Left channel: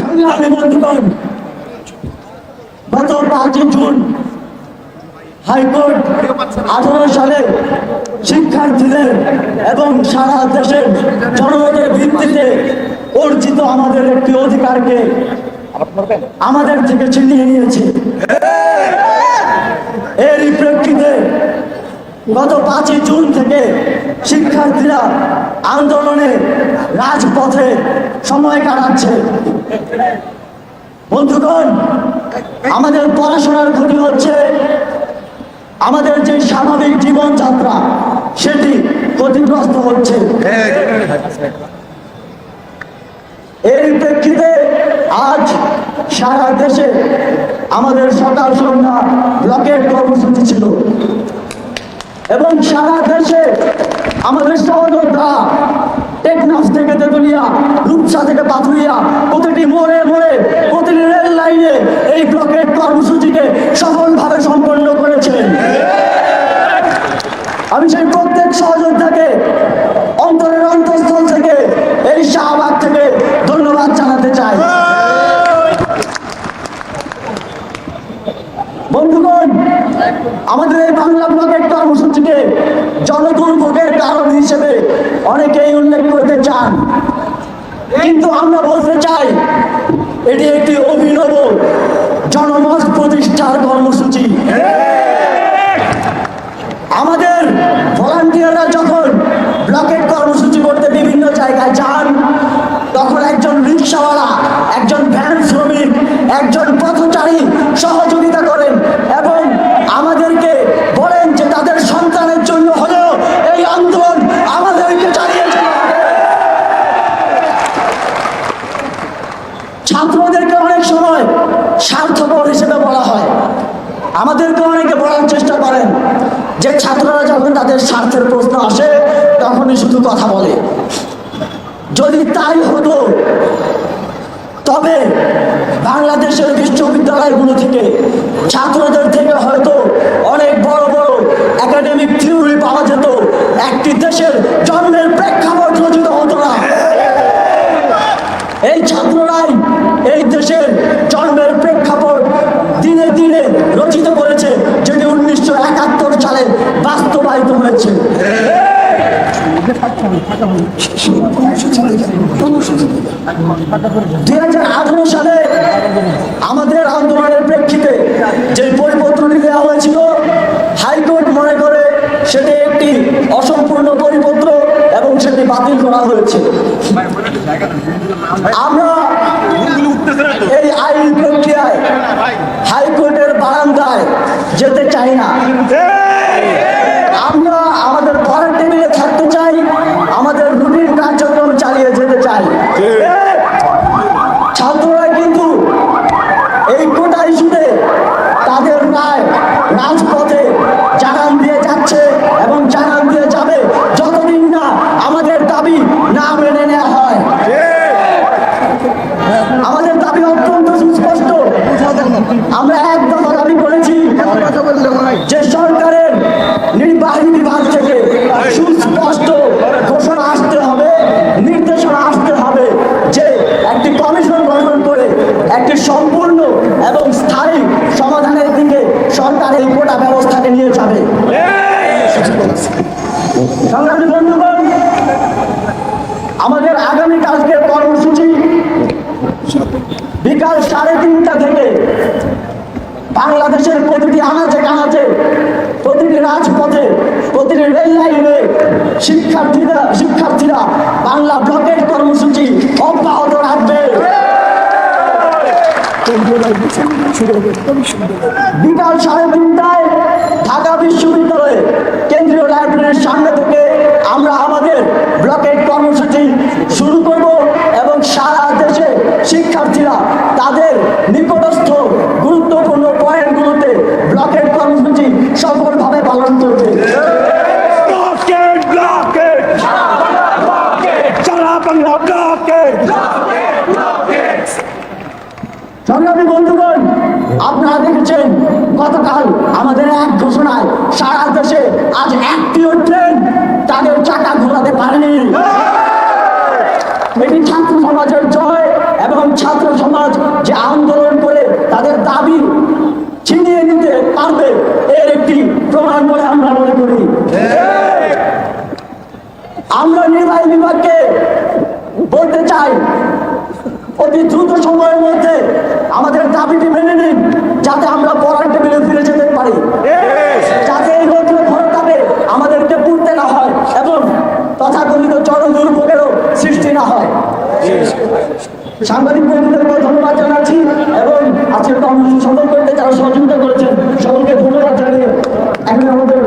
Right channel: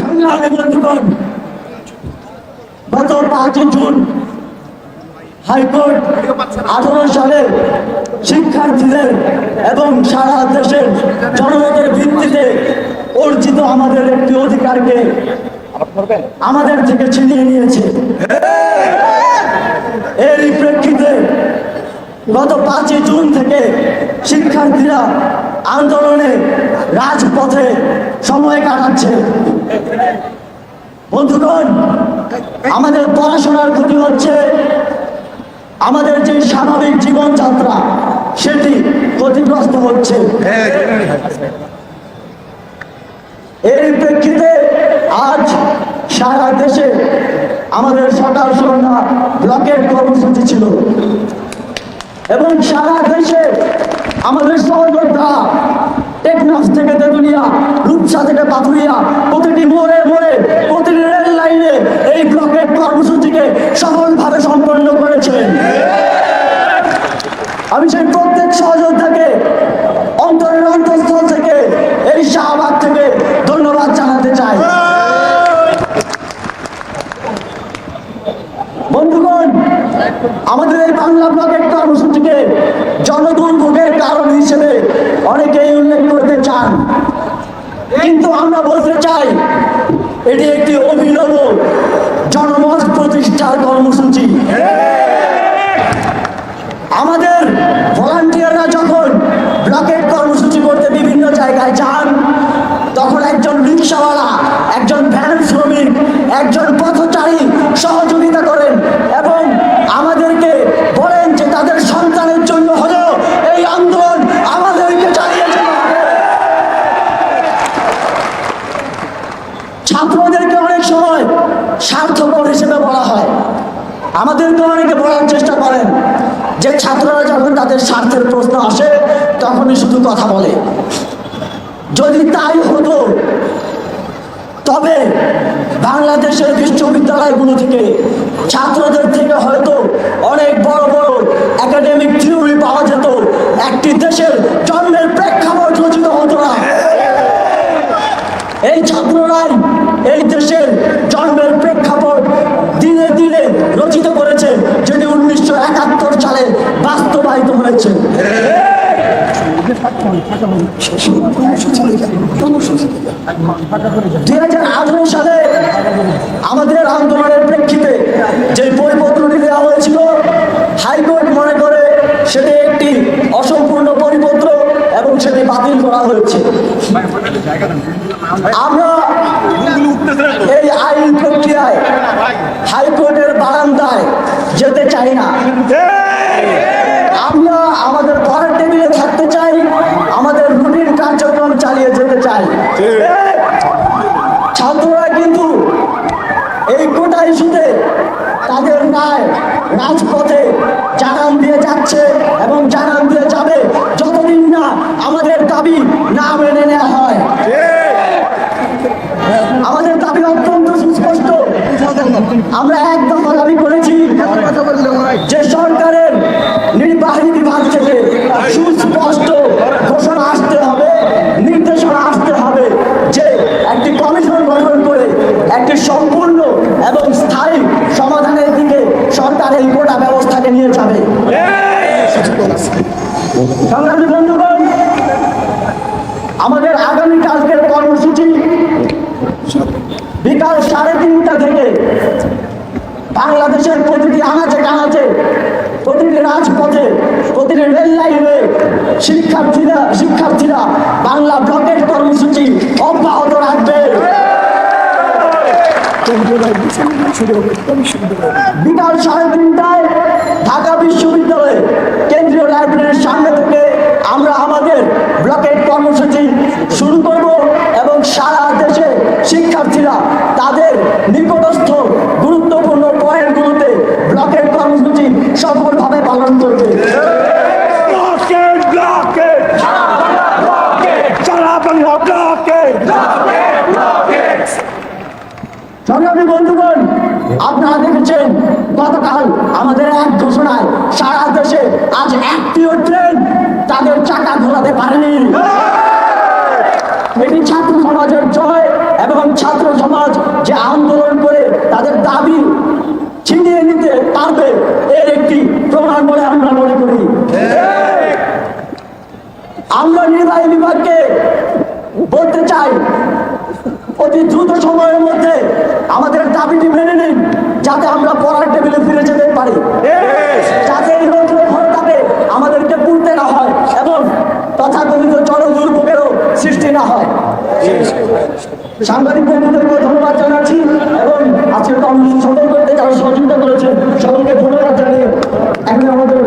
সংগ্রামী বন্ধুগণ, গত 5 জুন হাইকোর্ট 18 সালে শিক্ষার্থীদের এবং সারা দেশের জনগণের ভিত্তিতে অর্জিত আমাদের একটি অধিকারকে আমাদের থেকে ছিনিয়ে নিয়েছে। এর প্রেক্ষিতে গত 5 জুন থেকে শিক্ষার্থীরা আন্দোলনে রাজপথে সময় কাটাচ্ছে। বন্ধুগণ, আমাদের পড়াশোনার ক্ষতি হচ্ছে, আমাদের যে স্বাভাবিক জীবনযাত্রা সেটি ক্ষতিগ্রস্ত হচ্ছে। এর প্রেক্ষিতে আজ সারা দেশে আমাদের সকাল সন্ধ্যা ব্লকের কর্মসূচি ছিল এবং সারা দেশে আমাদের সহযোদ্ধা টেকনাফ থেকে তেতুলিয়া, রূপসা থেকে পাথুরিয়া, প্রতিটি মোড়ে মোড়ে, প্রতিটি রেল লাইনে এই ব্লকের কর্মসূচিকে সফলভাবে সম্পন্ন করেছিলেন। আমি সেই প্রত্যেক সহযোদ্ধাকে অন্তরের অন্তঃস্থল থেকে, এই শাহবাগ থেকে ধন্যবাদ জানাতে চাই। বন্ধুগণ, আমাদের এই বাংলা ব্লকের কর্মসূচিকে জনদুর্ভোগের কারণ হিসেবে অনেকেই উল্লেখ করতে চান, কিন্তু আমরা বলতে চাই এটি একটি অভিনব জনমত প্রতিষ্ঠার কর্মসূচি। আমাদের ভলান্টিয়াররা যখন ব্লকের কর্মসূচি করতে বিভিন্ন জায়গায় যান, তখন একজন রিক্সাওয়ালা, একজন ভ্যান শ্রমিক, একজন পথচারী সহযোগিতা করেন এবং আমাদেরকে বলেন যে তাদের সন্তানের জন্য হলেও এই আন্দোলন আমাদেরকে চালিয়ে যেতে হবে। ছাত্রদেরকে অনেক সময় স্বার্থপর হিসেবে বলা হয়, আমাদেরকে অনেকে বলার চেষ্টা করেন যে ছাত্ররা যখন তাদের স্বার্থের প্রশ্ন আসে তখনই শুধু কথা বলে। যদি তাই হতো তবে বাংলাদেশের বিশ্ববিদ্যালয়গুলো থেকে ছাত্রদের থেকে হয়তো অনেক বড় বড় একাডেমিক থিওরি পাওয়া যেত, একটি দেশের জন্মের প্রেক্ষাপট রচিত হতো না। এই ছাত্ররাই এই দেশের জন্মের প্রেক্ষাপট দিনে দিনে রচিত করেছে, যেটি 1971 সালে বাস্তবায়িত হয়েছে। 2018 সালে আমাদের আন্দোলনের প্রেক্ষিতে যে পরিপত্রটি দেওয়া হয়েছিল, হাইকোর্ট মনে করে সেটি একটি অসম্পূর্ণ পরিপত্র এবং সেটি বাতিল করা হয়েছে। আমরা এই আইন প্রক্রিয়ায় হাইকোর্টের বারান্দায় যেতে চাই না। আমরা আমাদের পরের টেবিলে থাকতে চাই, আমাদের রুটিন কার্যক্রম চালিয়ে যেতে চাই। ছাত্ররা কিন্তু এই কোটা ইস্যুতে তাদের ন্যায় রাজপথে জানান দিয়ে যাচ্ছে এবং জানান দিয়ে যাবে যতদিন না আমাদের দাবি না মেনে নেওয়া হয়। আমাদের দাবি অত্যন্ত সুস্পষ্ট। আমরা একদম আমি বলেছি যে সরকারের নির্বাহী বিভাগ থেকে সুস্পষ্ট ঘোষণা আসতে হবে, নির্দেশনা আসতে হবে যে একটি কমিশন গঠন করে একটি সম্পূর্ণ এবং স্থায়ী সমাধানের দিকে সরকার এই গোটা ব্যবস্থাকে নিয়ে যাবে। আমাদের আগামী কালকের কর্মসূচি বিকাল 3:30টা থেকে বাংলাদেশের প্রতিটি আনাচে কানাচে, প্রতিটি রাজপথে, প্রতিটি রেল লাইনে শিক্ষার্থীরা বাংলা ব্লকের কর্মসূচি অব্যাহত রাখবে। বিকাল 3:30টায় ঢাকা বিশ্ববিদ্যালয়ে কেন্দ্রীয় লাইব্রেরির সামনে থেকে আমরা আমাদের ব্লকের কর্মসূচি শুরু করব এবং সারা দেশে শিক্ষার্থীরা তাদের নিকটস্থ গুরুত্বপূর্ণ পয়েন্টগুলোতে ব্লকের কর্মসূচি সফলভাবে পালন করবে। সংগ্রামী বন্ধুগণ, আপনারা দেখেছেন গতকাল আমাদের এক ঘোষণায় সারা দেশে আজ একটিও ট্রেন তাদের চাকা ঘোরাতে পারেনি। এটি ছাত্র সমাজের জন্য এবং ছাত্র সমাজ যে আন্দোলন করে তাদের দাবি ছিনিয়ে নিতে পারবে এর একটি প্রমাণ বলে আমরা মনে করি। আমরা নির্বাহী বিভাগকে বলতে চাই, অতি দ্রুত সময়ের মধ্যে আমাদের দাবিটি মেনে নিন, যাতে আমরা পড়ার টেবিলে ফিরে যেতে পারি, যাতে এই রকম হরতালে আমাদেরকে পড়তে না হয় এবং তথাকথিত জনদুর্ভোগেরও সৃষ্টি না হয়। সাংবাদিক বন্ধুদেরকে ধন্যবাদ জানাচ্ছি এবং আজকের কর্মসূচি সফল করতে যারা সহযোগিতা করেছেন সকলকে ধন্যবাদ জানিয়ে এখন আমাদের